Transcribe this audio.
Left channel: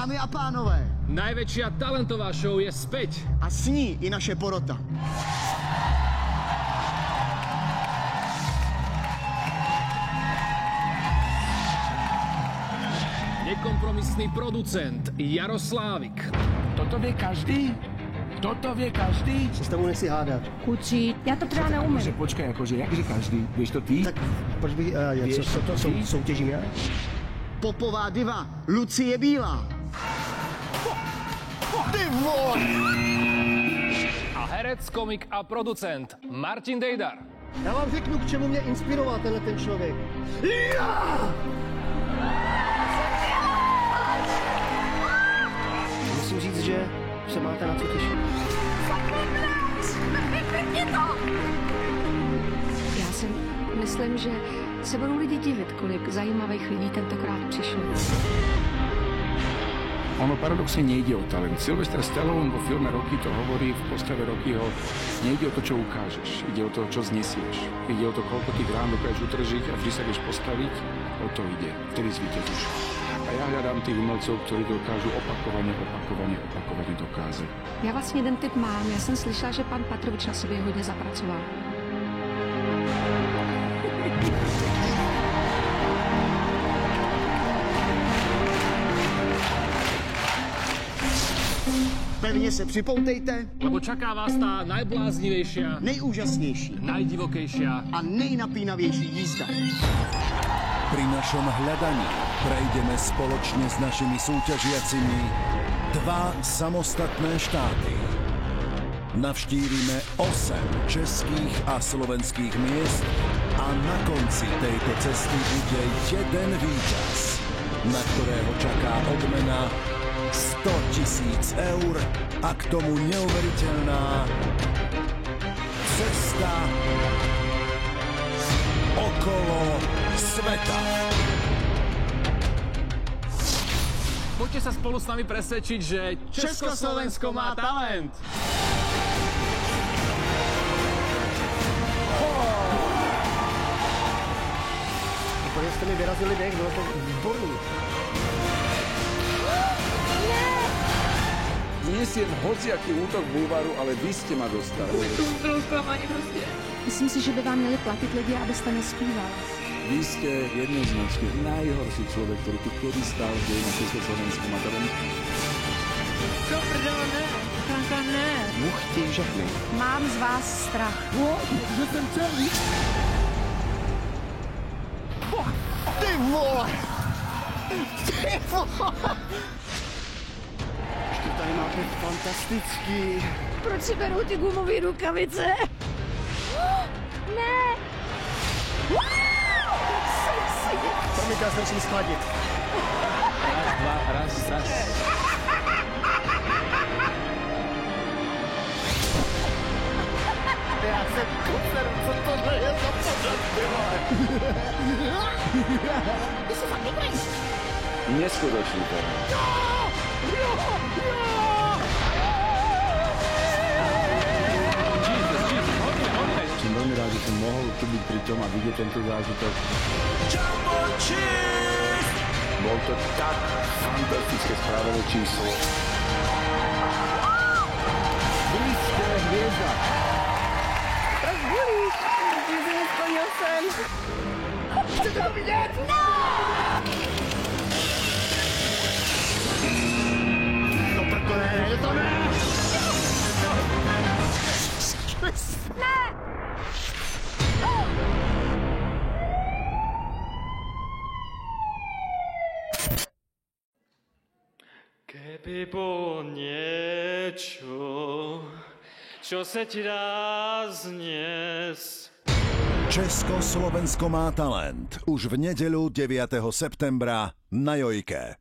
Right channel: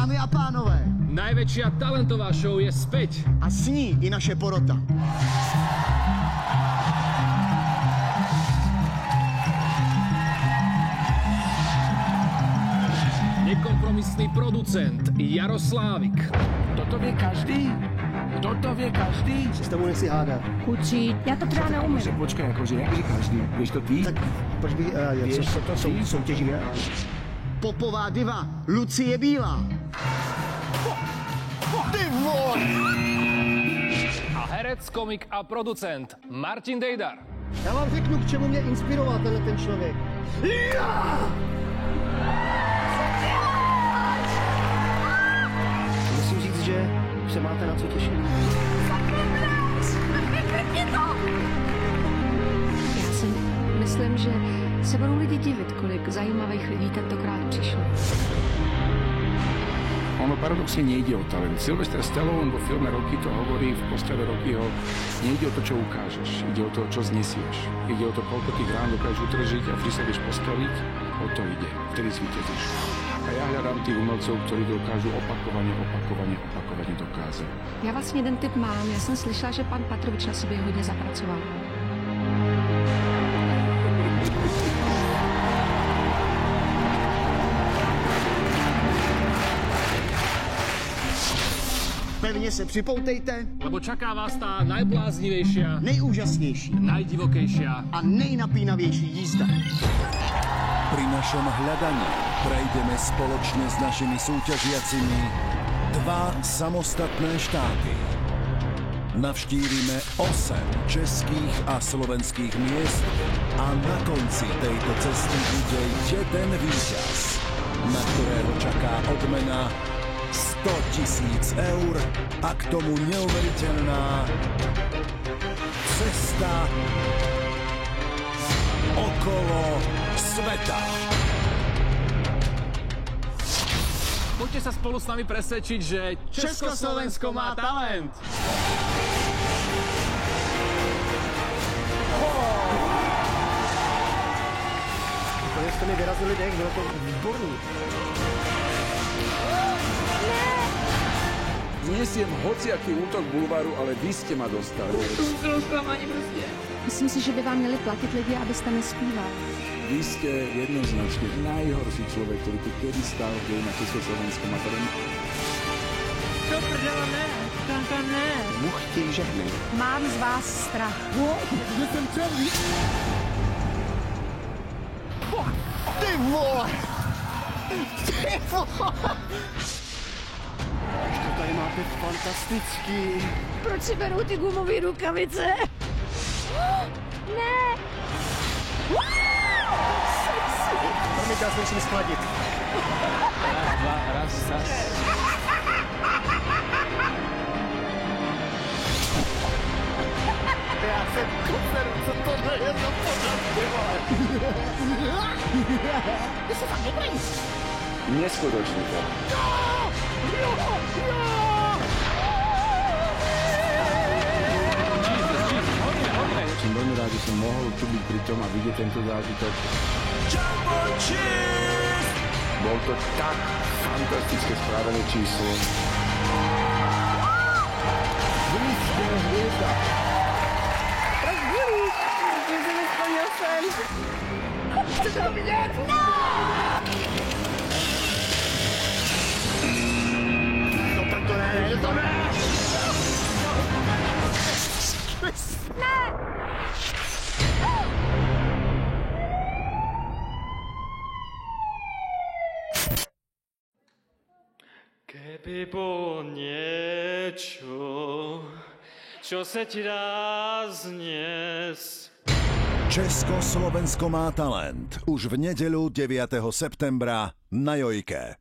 Dámy a pánové, najväčšia talentová show je späť. A s ní i naše porota. Nekompromisný producent Jaroslávik. Toto vie každý? Toto vie každý? Se s tebou nechci hádat. Kučí, já to třeba neumím. Akože počkaj, akože jakže každý? Vieš to ty? Tak proč bych... Vieš to ty? Soutěžím já? Popová diva Lucie Bílá. Ty vole! A herec, komik a producent Martin Dejdar. Já vám řeknu, k čemu mě inspiroval tenhle ten člověk. Musím říct, že se máte na co těšit. Já si myslím, že se budou lidi divit, kolik zajímavých lidí tentokrát přišlo. Ono paradoxne nejde o talent. Sylvester Stallone vo filme Rocky to hovorí v postave Rockyho. Nejde o to, čo ukážeš. Ide o to, čo znesieš. Ide o to, koľko tých rán dokážeš utržiť a vždy sa vieš postaviť. O to ide. Vtedy zvíťazíš. A ja hľadám tých umelcov, ktorí dokážu opakovane dokázať. Já vlastně jeden tip mám. Já jsem slyšela, že pan Patrovič na sobě hodně zapracoval. Pevně se připoutejte. Lebo čaká vás tá najbláznivejšia, Nejúžasnější najdivokejšia a nejnapínavější jízda. Pri našom hľadaní prejdeme spoločne s našimi súťažiacimi 2 samostatné štáty. Navštívime 8 českých a slovenských miest a na konci tejto cesty bude jeden víťaz, na ktorého čaká odmena 100 000 eur a k tomu neuveriteľná cesta okolo sveta. Poďte sa spolu s nami presvedčiť, že Československo má talent. Úplně jste mi vyrazili dech, bylo to výborný. Znesiem hociaký útok bulváru, ale vy ste ma dostali. To bylo zklamání prostě. Myslím si, že by vám měli platit lidi, abyste nespíval. Vy ste jednoznačne najhorší človek, ktorý tu kedy stál v dejinách Československom a to len... To prdele ne, Franka ne. Muchti žehny. Mám z vás strach. Že jsem celý. Ty vole! Ty vole! Ještě tady máte fantastický. Proč si berou ty gumové rukavice? Ne! Promiňte, já se musím schladit. Raz. Já se poseru, co tohle je za pořad, ty vole. Ty jsi fakt dobrý. Neskutočný to. Som veľmi rád, že som mohol tu byť pri tom a vidieť tento zážitok. Bol to tak fantastické správené číslo. Vy ste hviezda. Rozbulíš, že jsi mi splnil sen. Chcete to vidět? No! To ne, to ne! Ne! Keby bolo niečo, čo sa ti dá zniesť. Československo má talent už v nedeľu 9. septembra na Jojke.